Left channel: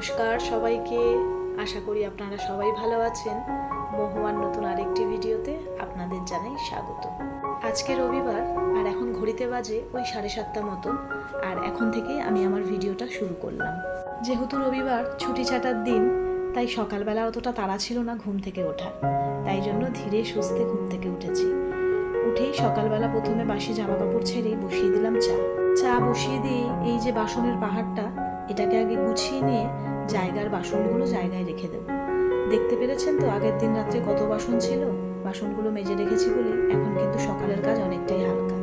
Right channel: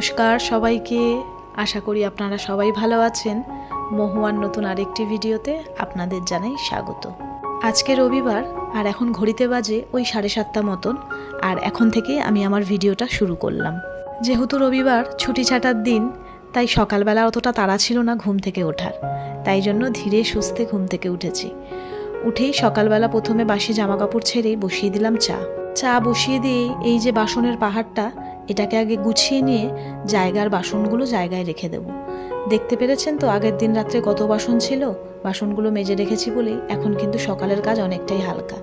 নমস্কার সবাইকে, আশা করি আপনারা সবাই ভালো আছেন। মহুয়ার নতুন আরেকটি ভিডিওতে আপনাদের জানাই স্বাগত। আজকে রবিবার আর এখন ঘড়িতে বাজে ওই 7:30 মতন, আর এখন থেকে আমি আমার ভিডিওটা শুরু করলাম। যেহেতু রবিবার ছুটি ছাটার দিন, তাই সকালবেলা অতটা তাড়া ছিল না ঘুম থেকে ওঠার, তাই জন্য ধীরে সুস্থে ঘুম থেকে উঠেছি। উঠেই সকালবেলা প্রথমে বাসি জামা কাপড় ছেড়েই বসিয়ে দিলাম চা বসিয়ে দিয়ে এই যে বাসনের পাহাড়টা, এটাকে আগে গুছিয়ে নিয়ে জায়গার বাসনগুলো জায়গায় রেখে দেব। দেখতে পেরেছেন তো আগের দিন রাত্রে কত বাসন ছিল, বাসনগুলো মেজে রেখেছি বলেই এখন কিন্তু সকালের কাজ অনেকটাই হালকা।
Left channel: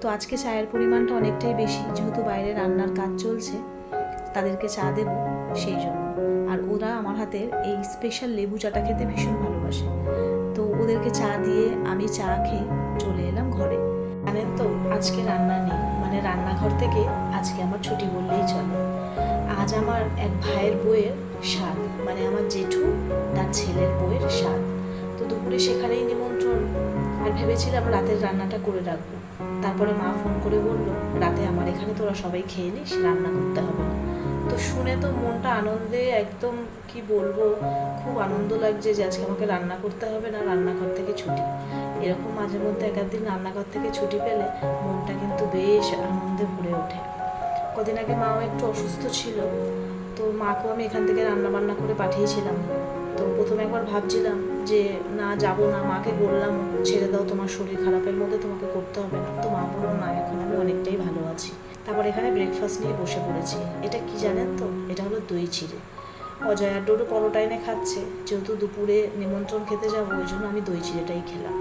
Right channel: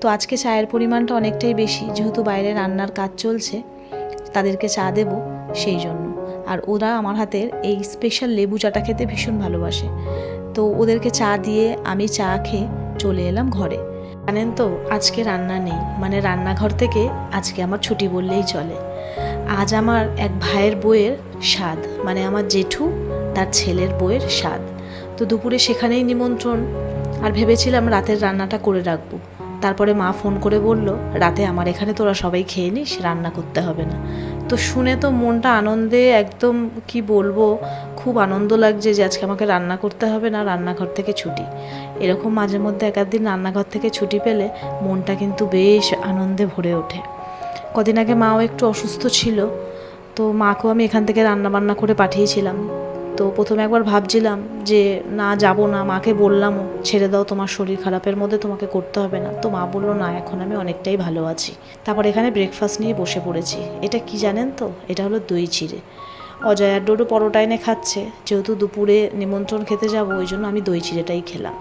তো আজকে চায়ের পরিমাণটা অনেকটাই বেশি, যেহেতু বাইরে রান্নার কাজ চলছে, তাদেরকে চা দেব সেই জন্য। আর ওরা আমার হাতের এই স্পেশাল লেবু চাটা খেতে ভীষণ ভালোবাসে, তো ওদেরকে চা দিয়ে আমি চা খেয়ে চলে এলাম ঘরে। জানেন তো আজকে রান্না নেই, মানে রান্নাঘর থেকে আজকে আমার ছুটি বললেই চলে। আজ আমার এক ভাইয়ের বউয়ের স্বাদ, মানে আমার জেঠু তার ছেলের বউয়ের স্বাদ। তো দুপুরে সেখানেই নিমন্ত্রণ, আর ভেবেছিলাম রাতের রান্নাটা করে রাখবো। তারপরে মা ফোন করে বলল, রাতে আমার এখানে তোরা সবাই খেয়ে নিস, রান্না করতে হবে না। তো শুনে তো মনটা আনন্দে একদম কি বলবো, খুব আনন্দ লাগছে যে আজকে আমাকে রান্না করতে হবে না, রান্নাঘর থেকে ছুটি। এরকম মাঝে মধ্যে এক দিন রান্নাঘর থেকে ছুটি পেলে মনটা কিন্তু বেশ আনন্দে ভরে ওঠে। কদিন আগে মাও একটু অসুস্থ ছিল, তো মাকেও আমি এখান থেকে রান্নাবান্না করে পাঠিয়েছিলাম। তো প্রথমে একবার ভাবছিলাম যে না যাব না, মাকে বললামও ছেড়ে দাও, তোমার শরীর খারাপের মধ্যে তোমাকে করতে হবে না। তো মা বললো না, এখন আমি অনেকটাই ভালো আছি। তারপর এখানে ব্রেকফাস্ট নিয়ে বসে পড়েছি। এটা কি জানেন তো, এটা হলো দই চিড়ে। অজয় আর ডোডো পরোটা এনে খাচ্ছে, যেহেতু দুপুরে নিমন্ত্রণ খেতে যাব ওই জন্য আমি দই চিড়েটাই খেলাম।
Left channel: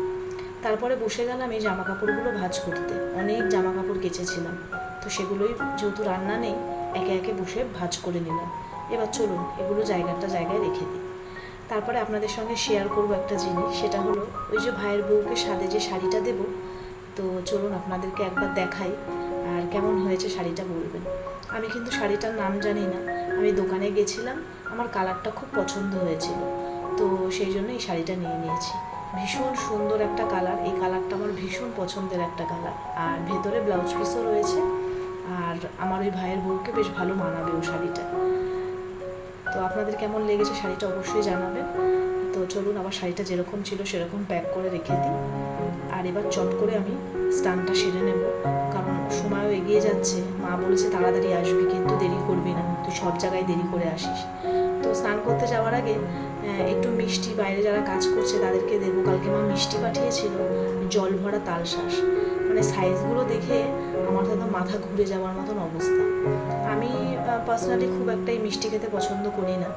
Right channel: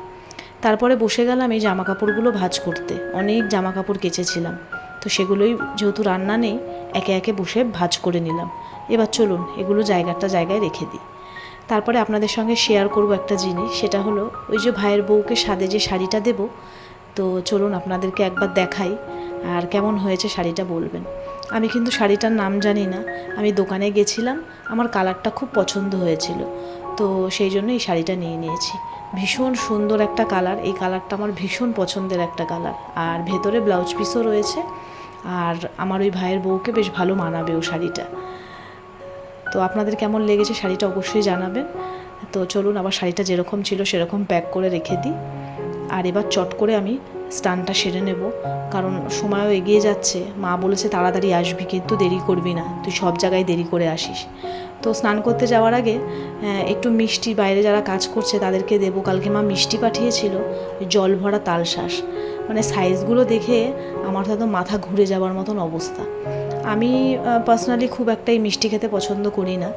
তারপরে বসে গেলাম এই জামা কাপড়গুলো ভাঁজ করতে। অনেক জামা কাপড় কেচেছিলাম, তো সেগুলোই যেহেতু রান্না নেই একে একে বসে ভাঁজ করে নিলাম। এবার চলুন এগুলো জায়গায় রেখে দিই। তারপরে আপনাদের সঙ্গে শেয়ার করব একটা জিনিস, সেটা হলো ওই যে ভাইয়ের বউকে সাদে যে শাড়িটা দেব, তো চলুন আপনাদেরকে একবার দেখাই, আর কেমন হয়েছে শাড়িটা বলবেন। আমি কিন্তু শাড়িটার নাম জানি না, আমি দোকানে গেছিলাম, আমার কালারটা খুব পছন্দ হয়েছিল, তো সেই জন্য এই শাড়িটা নিয়ে নিয়েছি। ভীষণ সুন্দর একটা কালার, এই কালারটা আমার ভীষণ পছন্দের একটা কালার, আর ভেতরে ব্লাউজ পিসও রয়েছে, আর আমার ওই ভাইয়ের বউকে বেশ ভালো মানাবে ও শাড়িটা। তো আপনাদের কেমন লেগেছে শাড়িটা অবশ্যই জানাবেন। তো চলুন আবার শাড়িটা যেরকম ছিল সেরকম প্যাক করে রেখে দিই, আর এবার চট করে আমি স্নানটা সেরে নেব, কারণ সময়ও এগিয়ে যাচ্ছে। মা বলেছে তাড়াতাড়ি আসবি, কিন্তু দেরি করবি না, তুই সব জায়গায় দেরি করে আসিস। তো স্নান করতে যাওয়ার আগে একটু মিষ্টি বাইরে যারা কাজ করছে তাদেরকে দেবো। কালকে মা মিষ্টি পাঠিয়েছিল, জল ভরা তালশাঁস, মানে সাইজগুলো দেখে আমার হয়তো মাথা ঘুরে যাওয়ার মতন অবস্থা। আমি পার্সোনালি খুব একটা এই মিষ্টি খেতে পছন্দ করি না,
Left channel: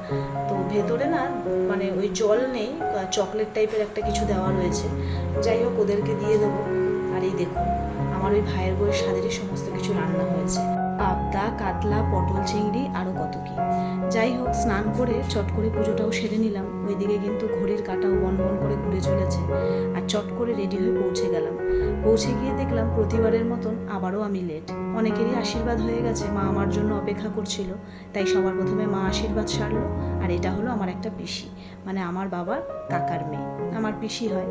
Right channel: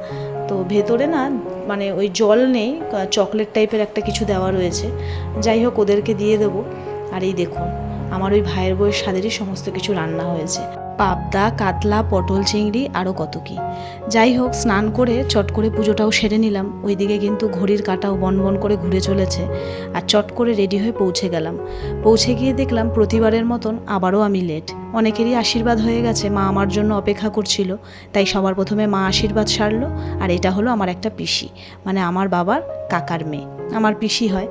তো ভেতরে না মানে ওই জল নেই, চকলেট টাইপের একটা কিছু দেওয়া রয়েছে। যাই হোক ওদেরকে দিয়ে দেবো। আর এই দেখুন আমার ওই ভাইয়ের বউয়ের স্বাদেরই সমস্ত কিছু রান্না হয়েছে, পাবদা, কাতলা, পটল, চিংড়ি, আরও কত কি। যাই হোক স্নান করে চট করে পুজোটাও সেরে নিলাম। ওইদিকে কিন্তু ঘড়ির কাঁটাও বন করে ঘুরে চলেছে, আর চট করে রেডি হয়ে পৌঁছে গেলাম। পৌঁছে গিয়ে দেখলাম প্রতিবারের মতন আবারও আমি লেট। অনেকেরই আশীর্বাদ হয়ে গেছে, মা আমার জন্য অপেক্ষা করছিল, তাই সবার প্রথমে মা আশীর্বাদ সারলো। আর এটা হলো আমার একটা পিসি, মানে আমার বাবার কাকার মেয়ে, আমার পিসি হয়।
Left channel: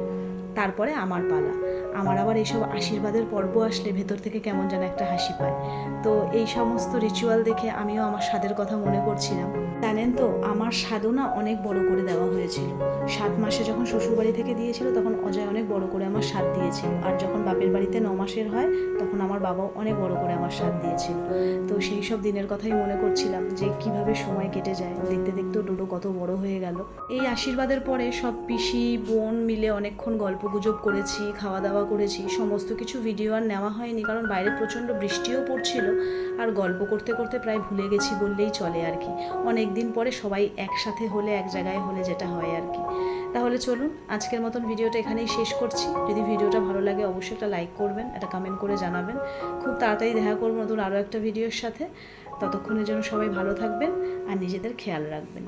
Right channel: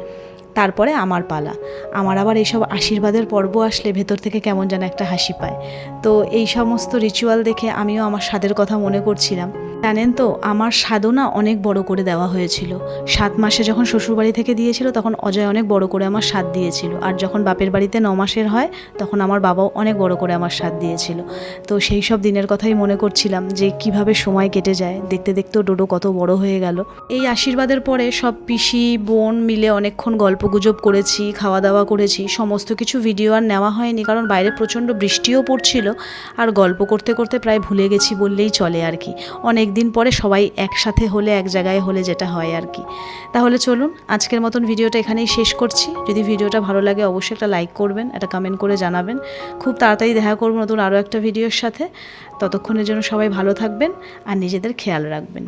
তারপরে আমার পালা। আমার আবার এইসব আশীর্বাদের পর্ব আসলে ভেতর থেকে কেমন যেন একটা হাসি পায়। তো এই সমস্ত রিচুয়াল দেখে আমিও আমার স্বাদের কথা মনে করছিলাম। জানেন তো আমার সাধনা অনেক বড় করে দেওয়া হয়েছিল। 7 মাসে যখন শ্বশুরবাড়ি থেকে দিয়েছিল তখন অজয় অনেক বড় করে আমার স্বাদ দিয়েছিল, আর যখন বাপের বাড়িতে 9 মাসের হয় তখন আমার বাবাও অনেক বড় করে আমার স্বাদ দিয়েছিল। তো সেই সব দিনের কথাই মনে করছিলাম যে কিভাবে সময় কেটে যায়, দেখতে দেখতেও ডোডো কত বড় হয়ে গেল। এই আশীর্বাদের পরে সব পিসি বোন মিলে অনেকক্ষণ গল্পগুজব করেছি, খাওয়া দাওয়া করেছি। সমস্ত কিছু ভিডিও আর নেওয়া হয়নি, কারণ বাইরে প্রচণ্ড বৃষ্টিও পড়ছিল, আর গল্প করতে করতে প্রায় ভুলে গেছি বললেই চলে আর কি। অনেক দিন পরে সবাই একসাথে হলে, এক জায়গায় হলে যেটা হয় আর কি। তাহলে চলুন আজকের মতন ভিডিওটা এখানেই শেষ করছি। যদি ভিডিওটা ভালো লাগে অবশ্যই একটা লাইক করবেন, একটা কমেন্ট করে জানাবেন। খুব তাড়াতাড়ি দেখা করব নতুন আরও একটা ভিডিওর সাথে। ততক্ষণের জন্য সবাই ভালো থাকবেন আর নিজেদের খেয়াল রাখবেন।